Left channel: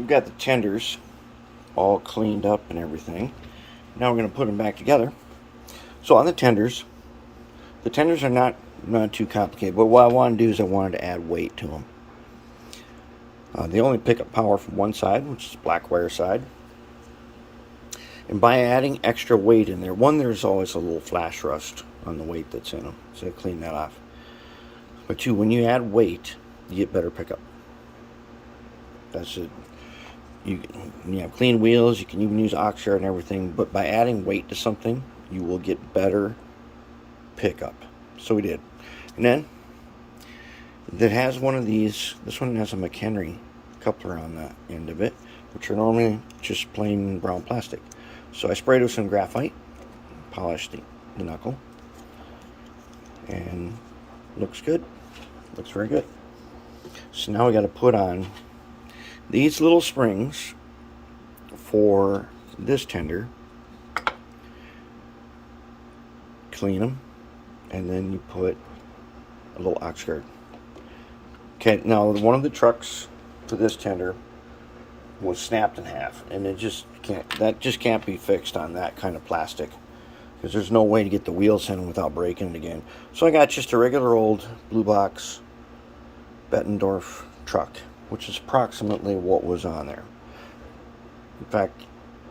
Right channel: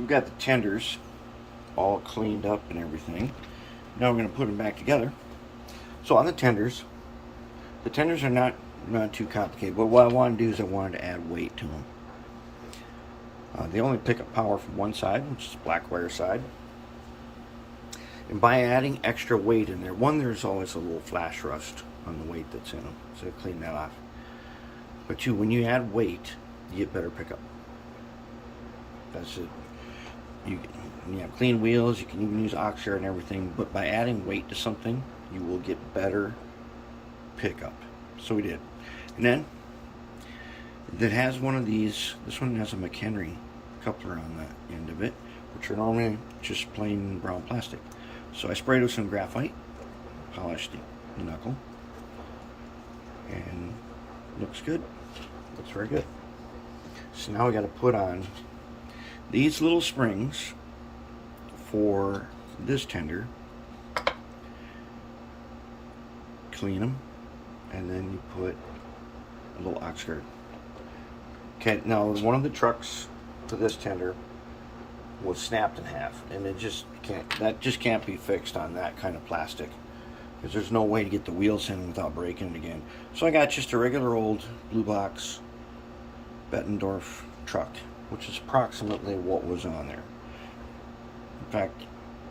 we've got the tenders all cleaned up and everything. Now we're going to put them back together. So on the tenders are not too complicated, but what I want to do is I wanted to add weight to them. They only pick up power from one side, which is the black wire side. And by adding extra weight in there, one, there's always a little flash rust on the weight that's in them, so clean that off. But two, when you add weight, you get better pickup. That's it. You have clean wheels, you can even use oxygen and everything, but by adding weight to something, you will get better pickup. So we did. And then it has one of these. This one has a McHenry coupler on the end of it, which are normally just plain brown plastic. So I sprayed with some graphite, polished the knuckle, and looks good. Looks very good. So now we got to put on these little springs for this tender. Clean them, and then you put a little ox guard. Okay, now one of the trucks to this tender was snapped in half, and it just can't be fixed on that kind of plastic, because there's no way to get the wheels in without breaking it again. So I got just a regular old blue box Bettendorf truck, which is approximately what was on there. In fact,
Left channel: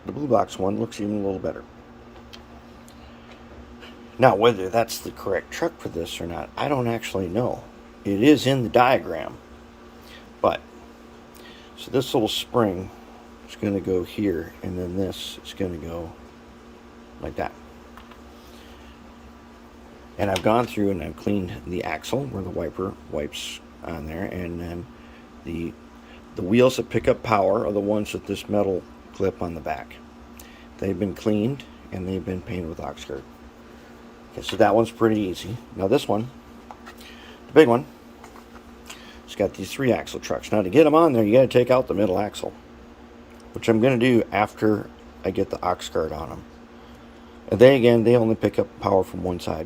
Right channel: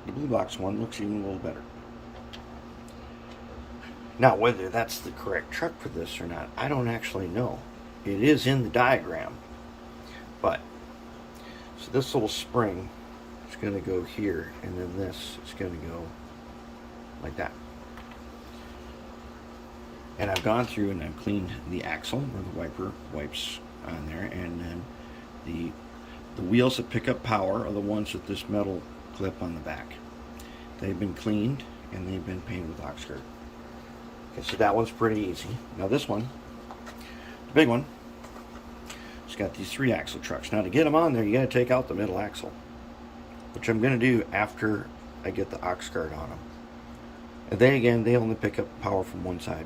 the blue box one looks even a little better. Now, whether that's the correct truck for this or not, I don't actually know. It is in the diagram. But, so this little spring is going to go here, and then this is going to go like that. And I've gone through and I've cleaned the axle where the wiper wipes on there, and then the wheels that pick up power are the ones with this metal clip on the back. They've been cleaned, and they've been painted with Oxguard. Okay, so that one's pretty easy. Now this one, the big one, it's got these 3 axle trucks. Now to get them on there, you got to take out the middle axle, which I'm going to do after I get the Oxguard on them. And then again, they only pick up power from one side,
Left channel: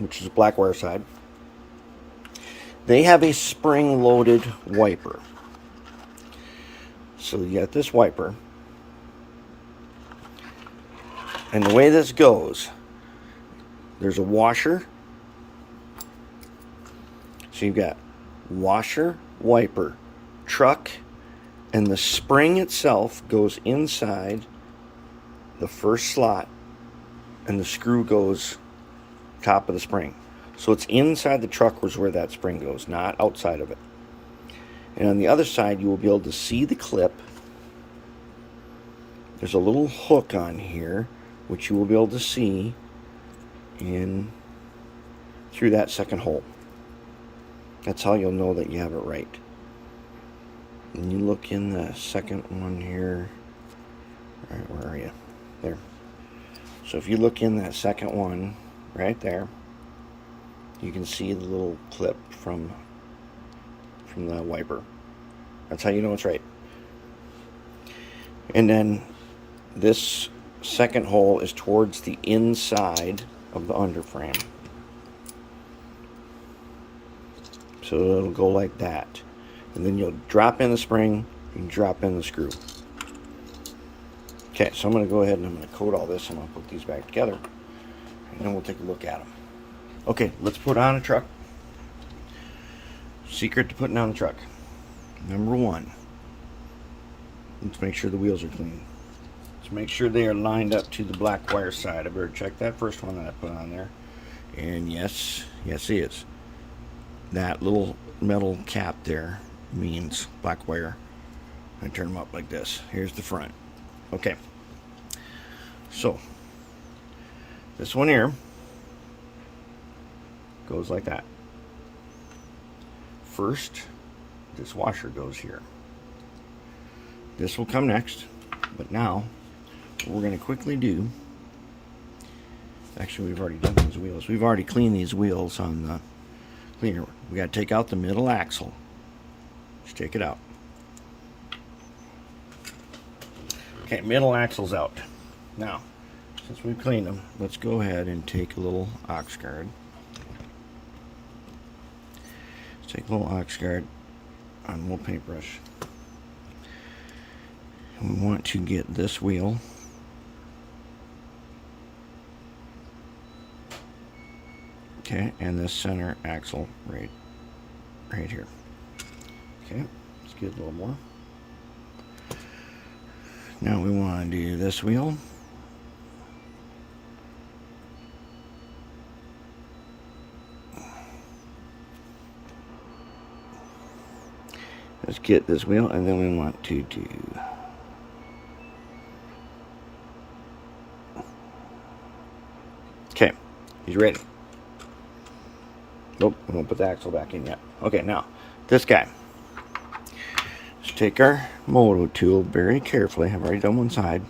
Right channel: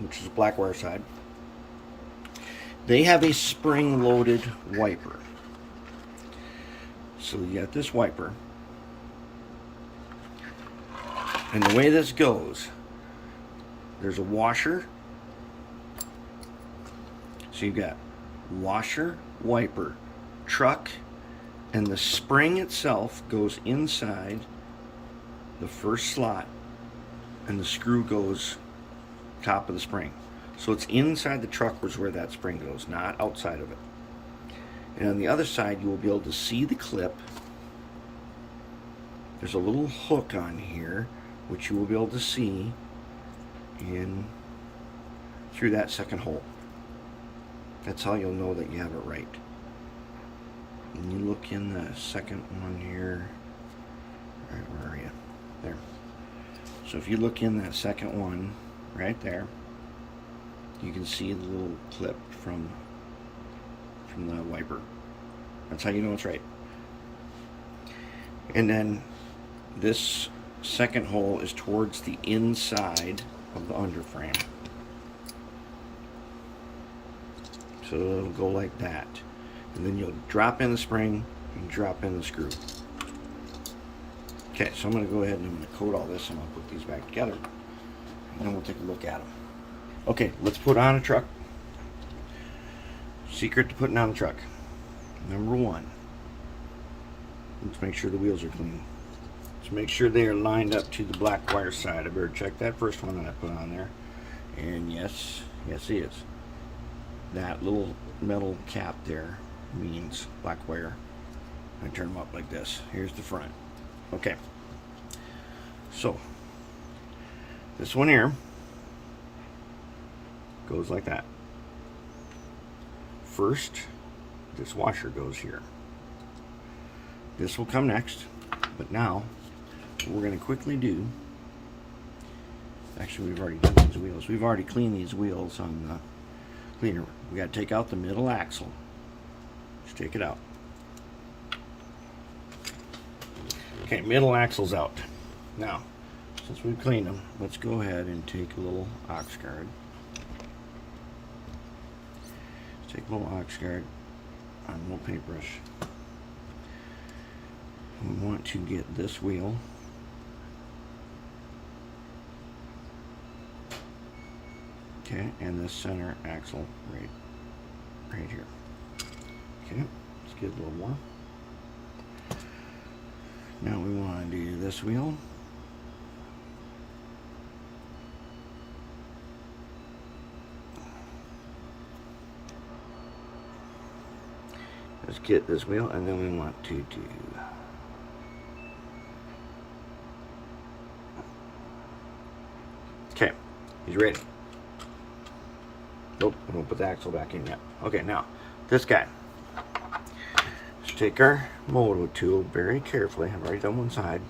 which is the black wire side. They have a spring-loaded wiper. So you got this wiper, and the way this goes, there's a washer. So you've got washer, wiper, truck, and the spring itself goes inside the first slot, and the screw goes top of the spring. So it's inside the truck was where that spring goes, not outside of it. And on the other side, you will be able to see the clip. There's a little hook on here, which you will be able to see in through that second hole. That's how you'll know that you have it right. And you look in the second one here. Right, where are you? There. So if you look in that second one, right there, you can see the little clip from the wiper. That's how you know it's right. And then this second hole is towards the inside of the underframe. So it'll go like that. And then you'll drop in the spring, you drop in the screw. Okay, so I'm going to go ahead and I'm going to coat all this, and I'll put these back together, and then we'll take a look at them. Okay, let's put on a truck. Secret to putting on the truck. Number 1, let's make sure the wheels are clean. Let's make sure they are lined up to the black wire side. I better check that first one that I put on there. And yes, it is. That little metal cap there means black wire. I turn them up like this. Here's the front. Okay. So, this one here goes like that. First, this washer goes here. This will come next, but now what we're going to quickly do, actually we've already done these wheels. We've already cleaned these wheels on the cleaner. We got to take out the middle axle. Just take it out. Okay, middle axle's out. Now, since we cleaned them, let's go ahead and take a little ox guard. Let's take a little ox guard on a little paintbrush. We want to get this wheel okay, and this center axle right here. Okay, let's get a little more. Now we want to do this wheel. Let's get this wheel, and then we want to do okay, he's ready. Nope, we won't put the axle back in yet. Okay, now this guy. Let's take our moto tool very carefully. I've already done one side.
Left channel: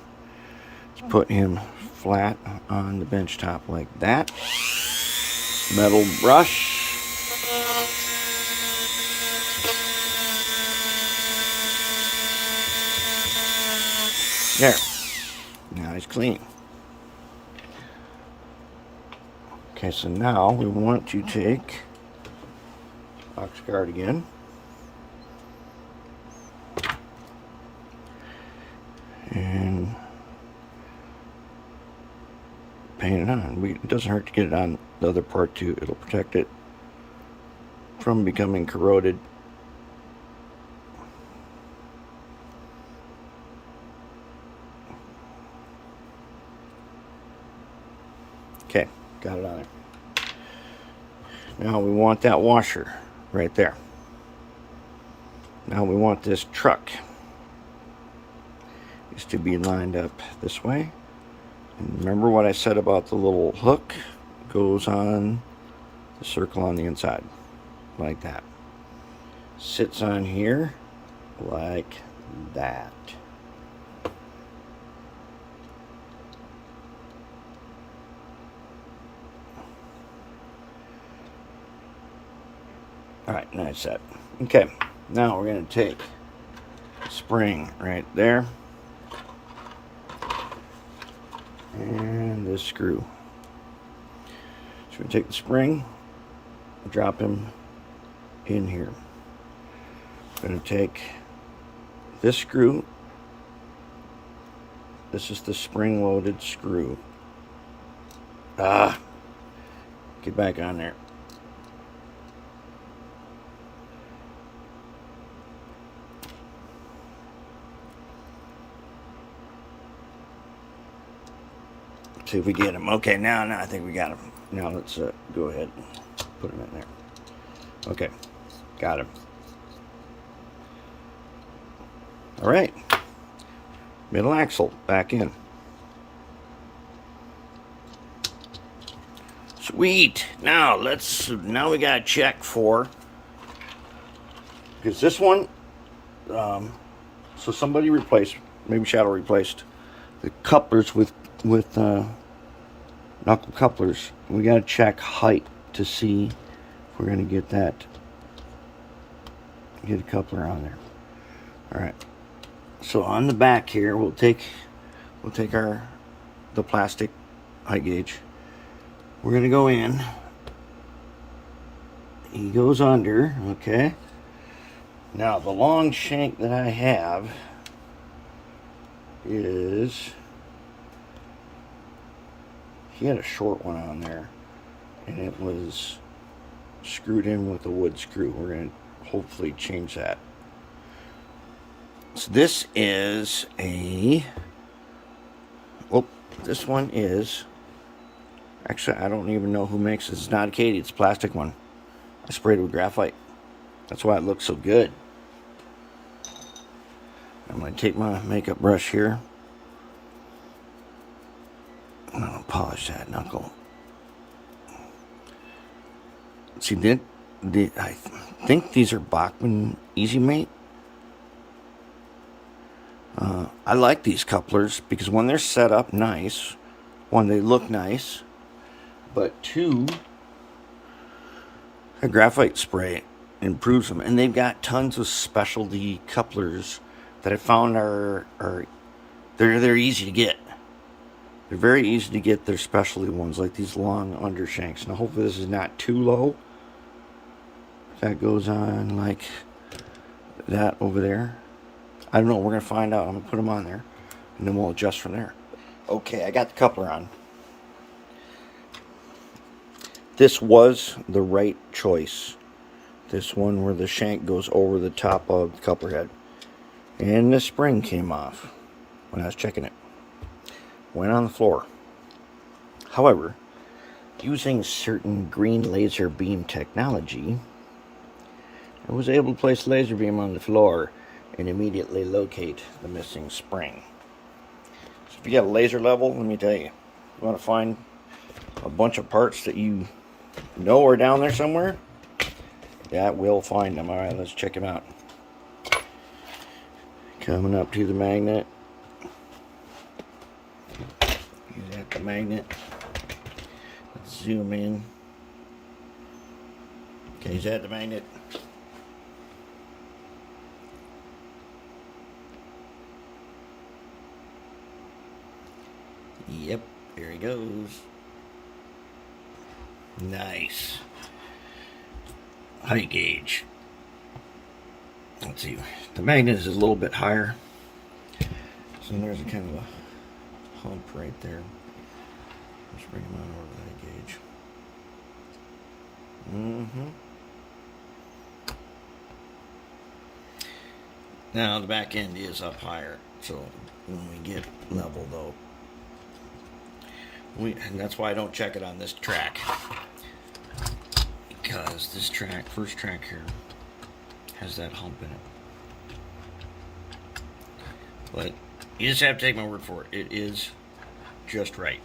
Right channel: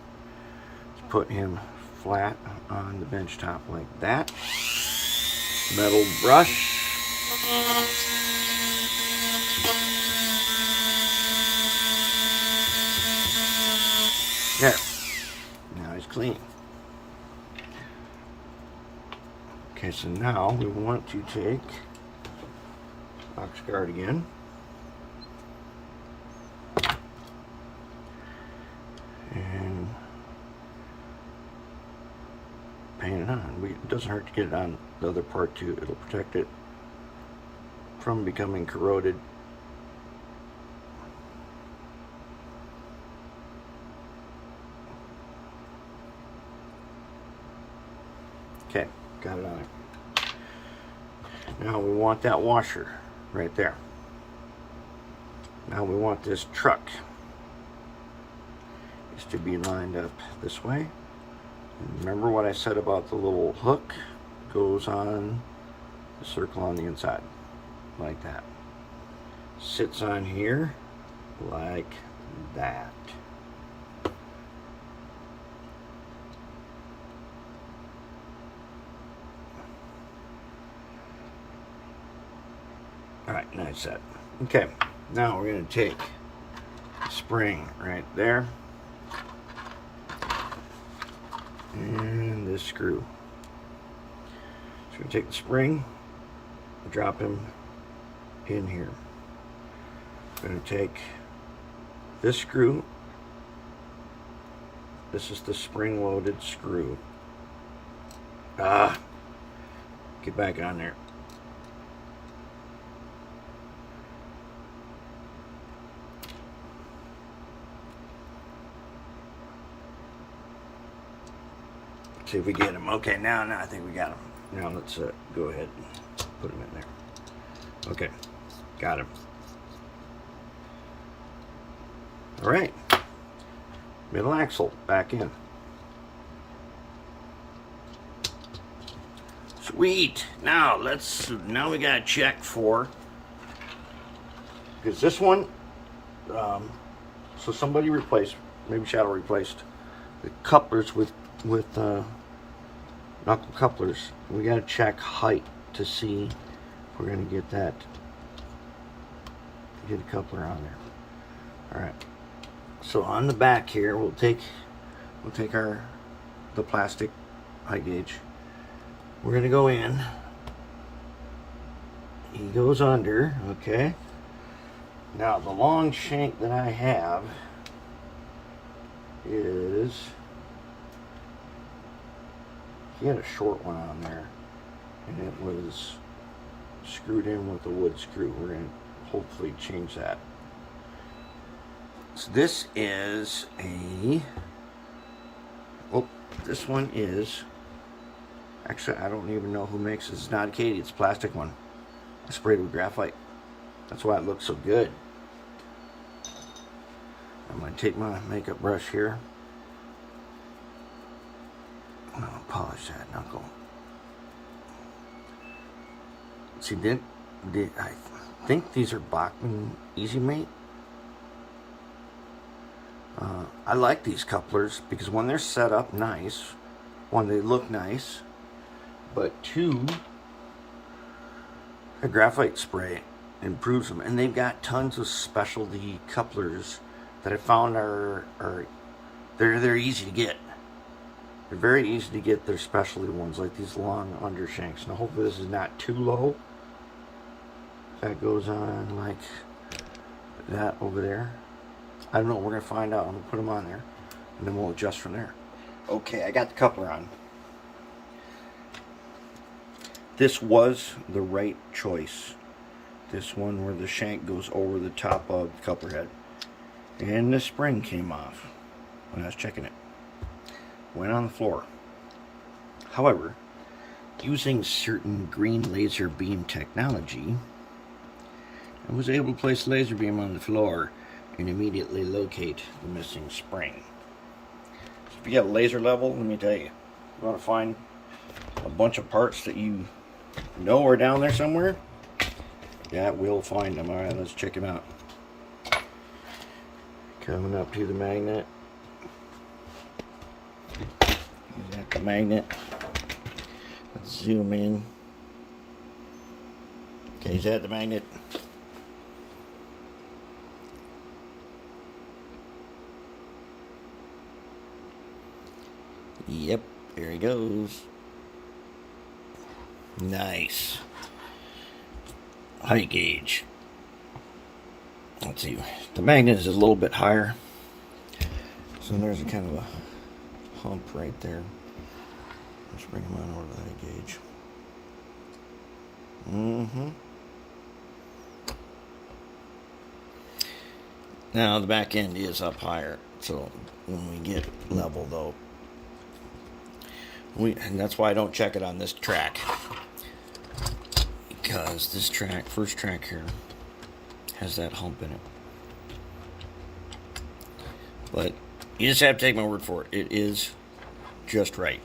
Let's put him flat on the bench top like that. Metal brush. There. Now he's clean. Okay, so now we want to take box guard again. And paint it on. It doesn't hurt to get it on the other part too. It'll protect it from becoming corroded. Okay, got it on there. Now we want that washer right there. Now we want this truck is to be lined up this way. And remember what I said about the little hook goes on the circle on the inside, like that. Sits on here like that. Alright, nice set. Okay, now we're going to take the spring right there and this screw. So we take the spring, drop him in here. Going to take this screw. This is the spring-loaded screw. Get back on there. See if we get him. Okay, now I think we got him. Now let's go ahead and put him in there. Okay, got him. All right, middle axle back in. Sweet. Now we gotta check for, because this one, so somebody replaced, maybe Shadow replaced the couplers with knuckle couplers. We gotta check height to see if we're gonna get a coupler on there. All right. So on the back here, we'll take the plastic height gauge. We're gonna go in. He goes under. Okay. Now the long shank that I have is. He had a short one on there, and it was screwed in with a wood screw. We're going to hopefully change that. So this is this one is, actually I don't even know who makes it. It's not a Katie, it's a plastic one. I sprayed it with graphite. That's why it looks so good. I'm going to take my makeup brush here. I'm gonna polish that knuckle. See, I think these are Bachmann Easy Mate. I like these couplers because when they're set up nice, one, they look nice, but two, the graphite spray improves them, and they've got tons of specialty couplers that I found are they're easy to get. They're very easy to get. Their specialty ones, like these long undershanks. Now, hopefully this is not too low. That goes on like that over there. I don't know. We're going to find out. I'm going to put them on there, and then we'll adjust from there. Okay, I got the coupler on. This was the right choice. This one where the shank goes over the top of the coupler head. And the spring came off when I was checking it. Went on the floor. However, using certain green laser beam technology, I was able to place the laser beam on the floor and immediately locate the missing spring. So if you got a laser level, let me tell you, you want to find a bunch of parts that you know are down there somewhere, that will find them. Alright, let's check them out. Coming up to the magnet. Use that the magnet. Let's zoom in. Okay, is that the magnet? Yep, there it goes. Nice. Height gauge. Let's see. The magnet is a little bit higher. So there's a kind of a hump right there. Let's bring him on over the height gauge. Now the back end is up higher, so when we get level though, and that's why I don't check it on this track, because this track, first track here, has that hump in it. But you just have to take my word for it. It is just right.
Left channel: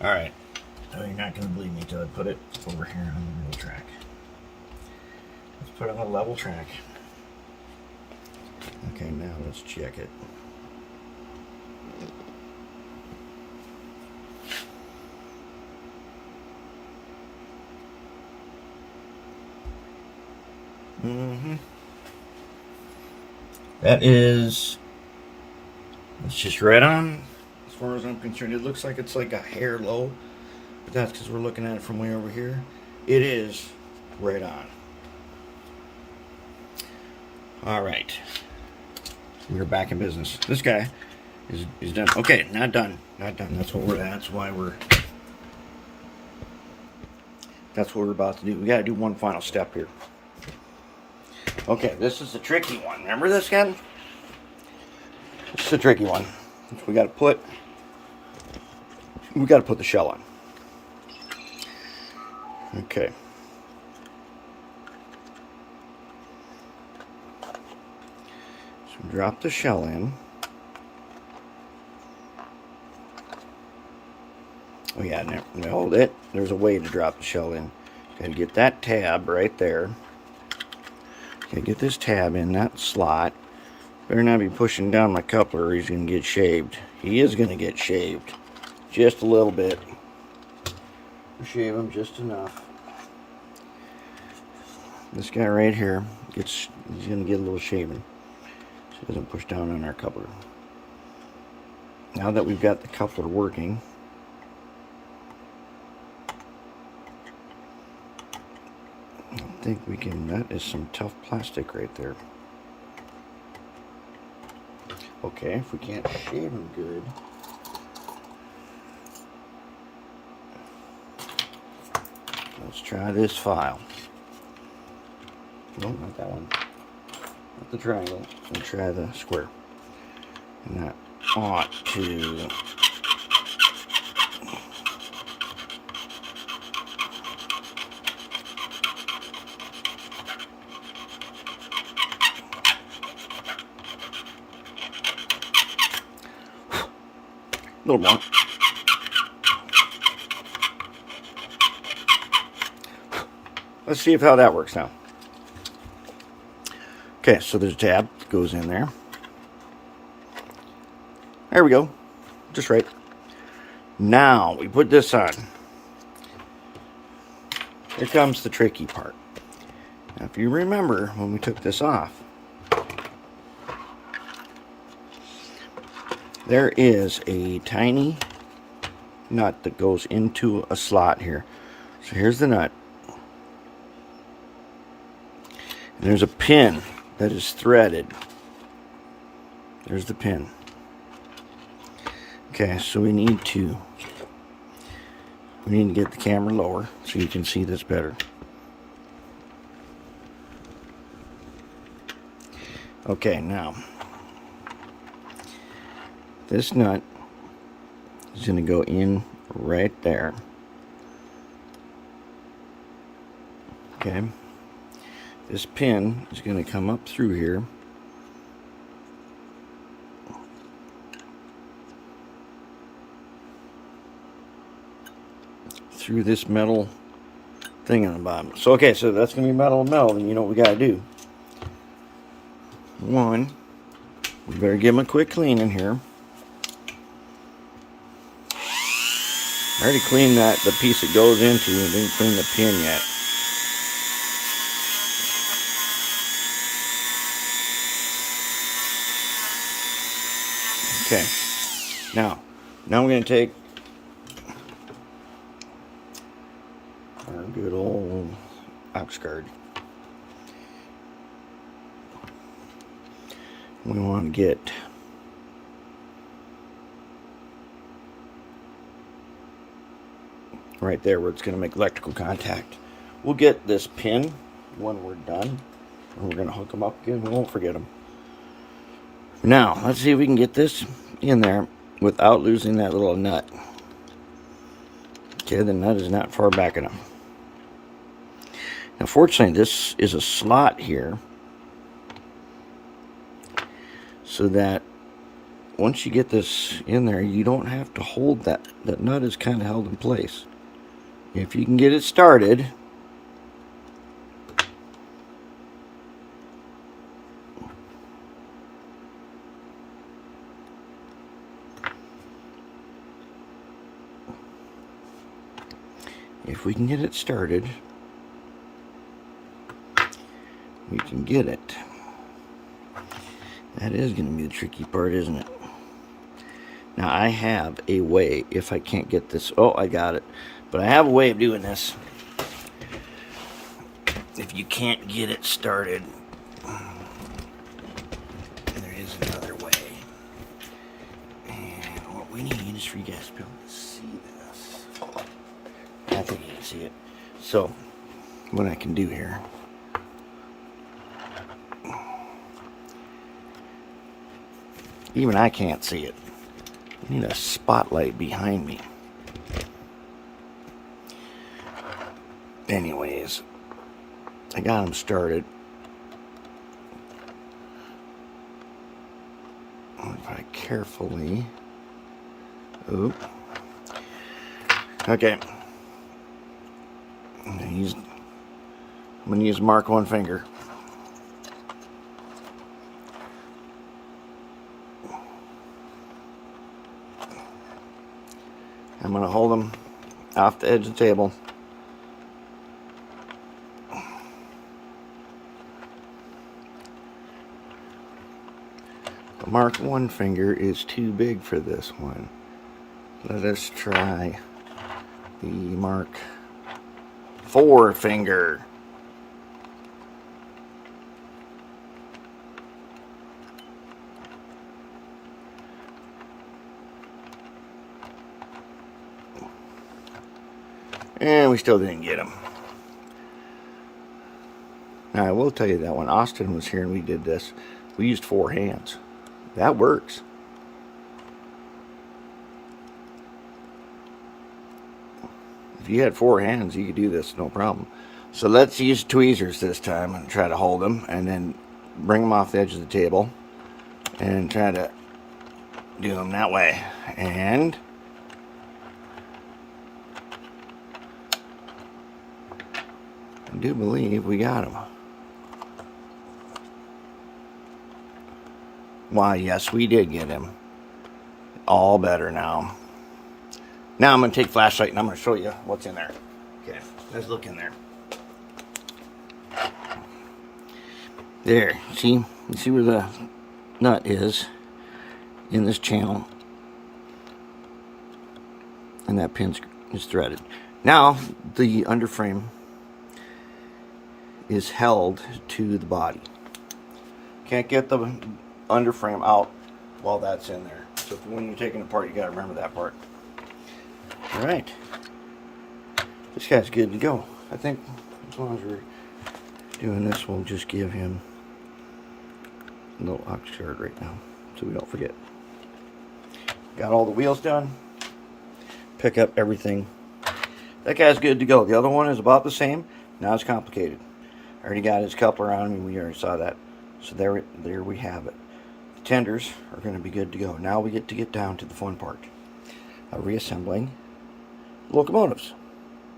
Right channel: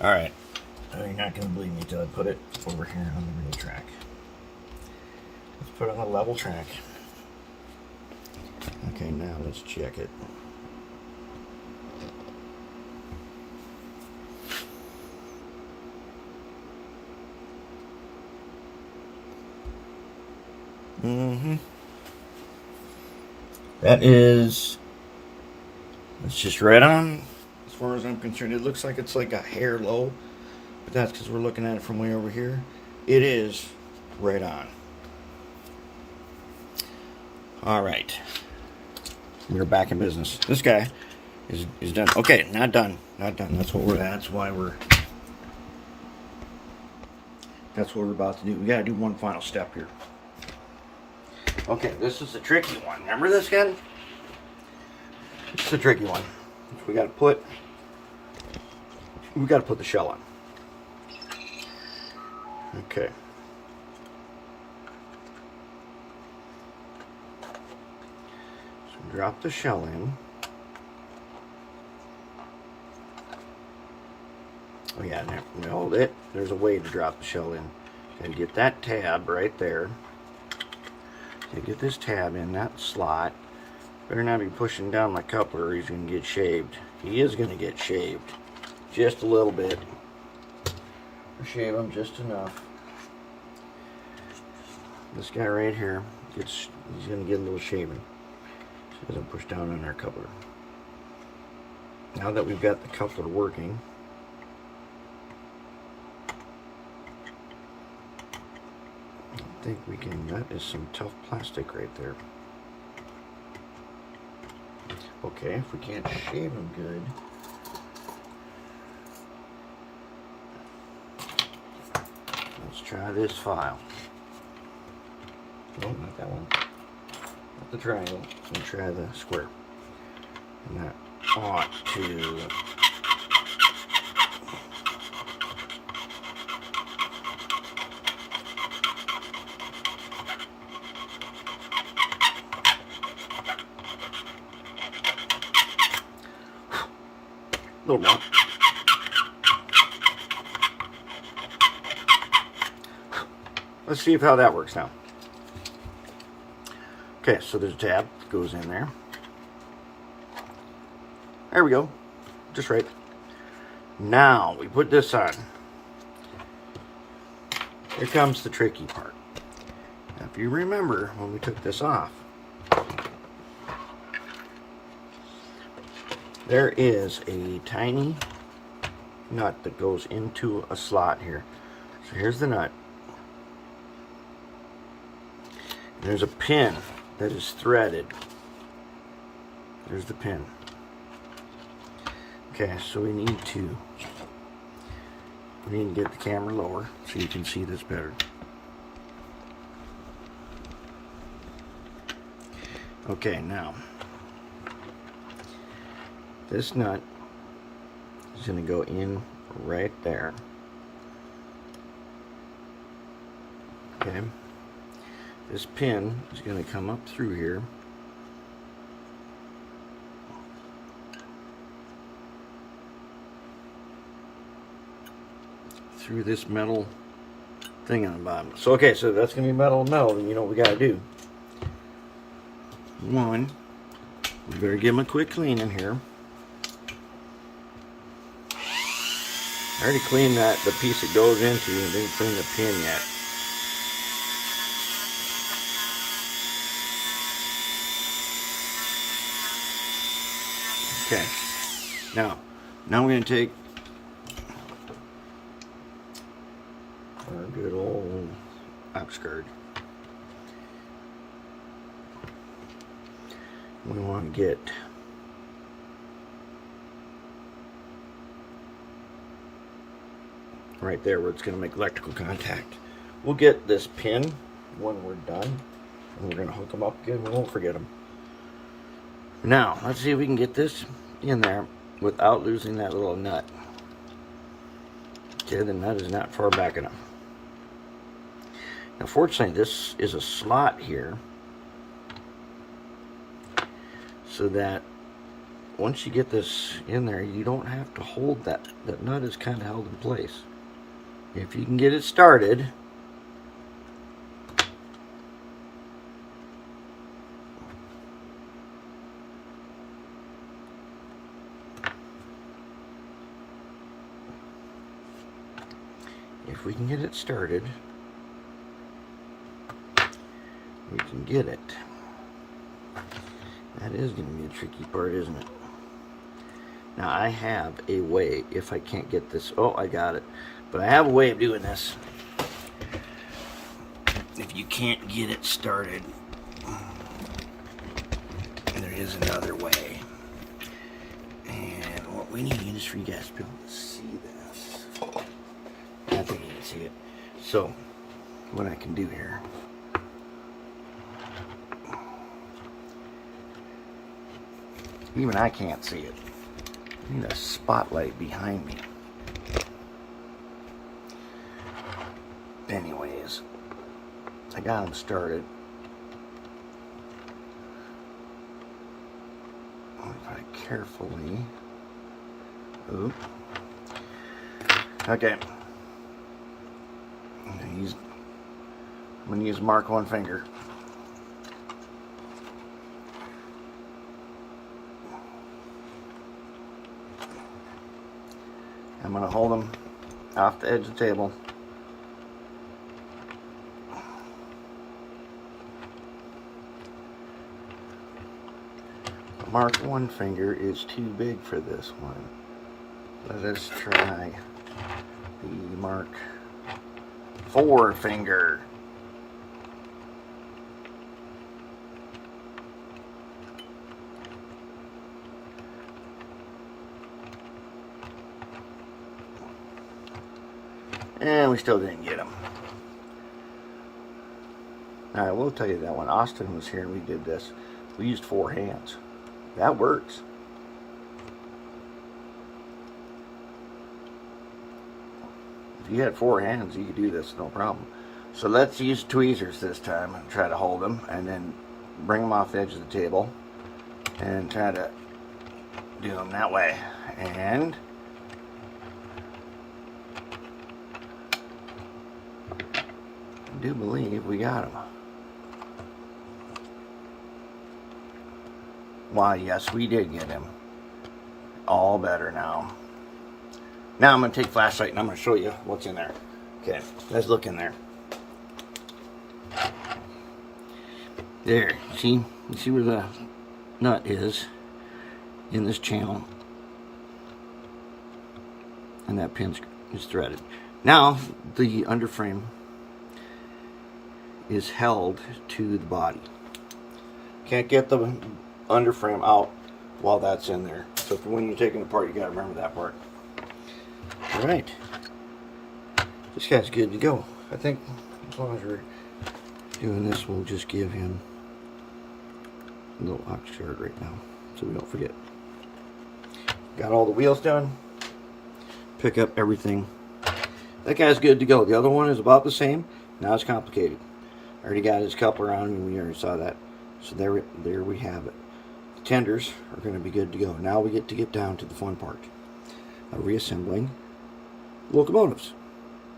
Alright. Oh, you're not going to believe me until I put it over here on the real track. Let's put it on the level track. Okay, now let's check it. That is, it's just right on. As far as I'm concerned, it looks like it's like a hair low, but that's because we're looking at it from way over here. It is right on. All right, we're back in business. This guy is done. Okay, not done. Not done. That's what we're. That's what we're about to do. We got to do one final step here. Okay, this is the tricky one. Remember this guy? This is the tricky one. We got to put the shell on. Okay. So drop the shell in. Oh yeah, now hold it. There's a way to drop the shell in. Gotta get that tab right there. Okay, get this tab in that slot. Better not be pushing down my coupler or he's going to get shaved. He is going to get shaved. Just a little bit. Shave him just enough. This guy right here, he's going to get a little shaving. So he doesn't push down on our coupler. Now that we've got the coupler working, I think we can, that is some tough plastic right there. Okay, if we can't shave them good, let's try this file. No, not that one. Not the triangle. We'll try the square. And that ought to... a little more. Let's see how that works now. Okay, so there's a tab that goes in there. There we go. Just right. Now we put this on. Here comes the tricky part. Now, if you remember when we took this off, there is a tiny nut that goes into a slot here. So here's the nut. And there's a pin that is threaded. There's the pin. Okay, so we need to get the camera lower so you can see this better. Okay, now this nut is going to go in right there. Okay, this pin is going to come up through here. Through this metal thing on the bottom. So okay, so that's going to be metal and metal, and you know what we got to do. One, we better give them a quick clean in here. I already cleaned the piece it goes into and didn't clean the pin yet. Okay, now we're going to take our good old ox guard. We want to get right there where it's going to make electrical contact. We'll get this pin when we're done. We're going to hook them up again. We won't forget them. Now, let's see if we can get this in there without losing that little nut. Okay, the nut is not far back enough. Now, fortunately, this is a slot here, so that once you get this in there, you don't have to hold that. That nut is kind of held in place. If you can get it started, we can get it. That is going to be the tricky part, isn't it? Now, I have a way, if I can't get this... Oh, I got it. But I have a way of doing this. If you can't get it started, there is another way. And what we need is for you guys to be able to see this. I think you can see it. So, what I can do here... Even I can't see it. I need a spotlight behind me. Anyways, I got them started. If I carefully... Oop. Okay. I'm going to use mark one finger. I'm going to hold them off the edge of the table. Mark one finger is too big for this one. Let us try the mark four finger. And we still didn't get him. Now, I will tell you that when Austin was here and we did this, we used 4 hands. That works. If you had 4 hands, you could do this, no problem. So let's use tweezers this time and try to hold them, and then bring them off the edge of the table and try to do them that way. And... I do believe we got him. Why, yes, we did get him. All better now. Now I'm going to take flashlight and I'm going to show you what's in there. Okay, let's look in there. There, you see where the nut is in this channel. And that pin is threaded. Now the underframe is held to the body. Can't get the underframe out while that's in there. So when you're taking it apart, you got to remember that part. All right, this guy's good to go. I think as long as we're doing this, we'll just give him a little ox guard right now, so we don't forget. Got all the wheels done. Pick up everything. That guy's good to go. The other one is about the same. Now it's complicated. I already got his coupler on, and we already saw that. So there we have it. The tenders are going to be good to go. Now we get down to the fun part of reassembling locomotives.